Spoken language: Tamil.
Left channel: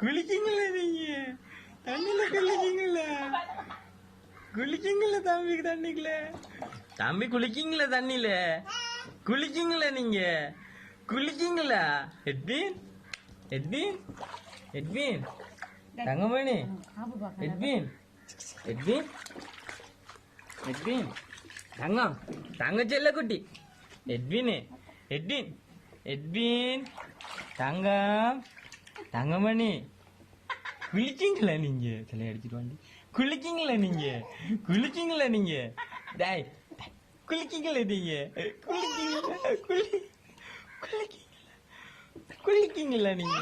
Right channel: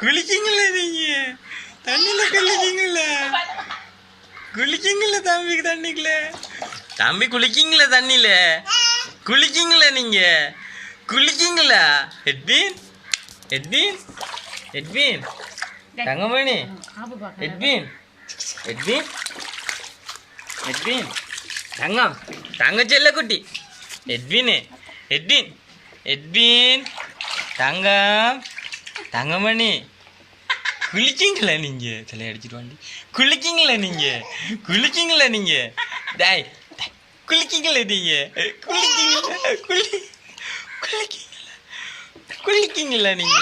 குளிக்கீங்களா நீங்க? தண்ணியில குளிக்கீங்களா? குளிக்கீங்களா தம்பி தண்ணிக்குள்ள? தம்பி குளிக்கீங்களா தண்ணியில? குளிக்கீங்களா நீங்க? குளிக்கீங்களா? எட்வின் எட்வின் எட்வின் தங்கமணி எட்வின் எட்வின் எட்வின் தங்கம் தங்க செல்ல குட்டி எட்வின் எட்வின் எட்வின் தங்கம் தங்கமணி குளிக்கீங்களா நீங்க? சிலை அடிச்சிட்டு வாண்டி. குளிக்கீங்களா நீங்க? குளிக்கீங்களா நீங்க? டாய் குளிக்கீங்களா நீங்க? குளிக்கீங்களா குளிக்கீங்களா குளிக்கீங்களா நீங்க?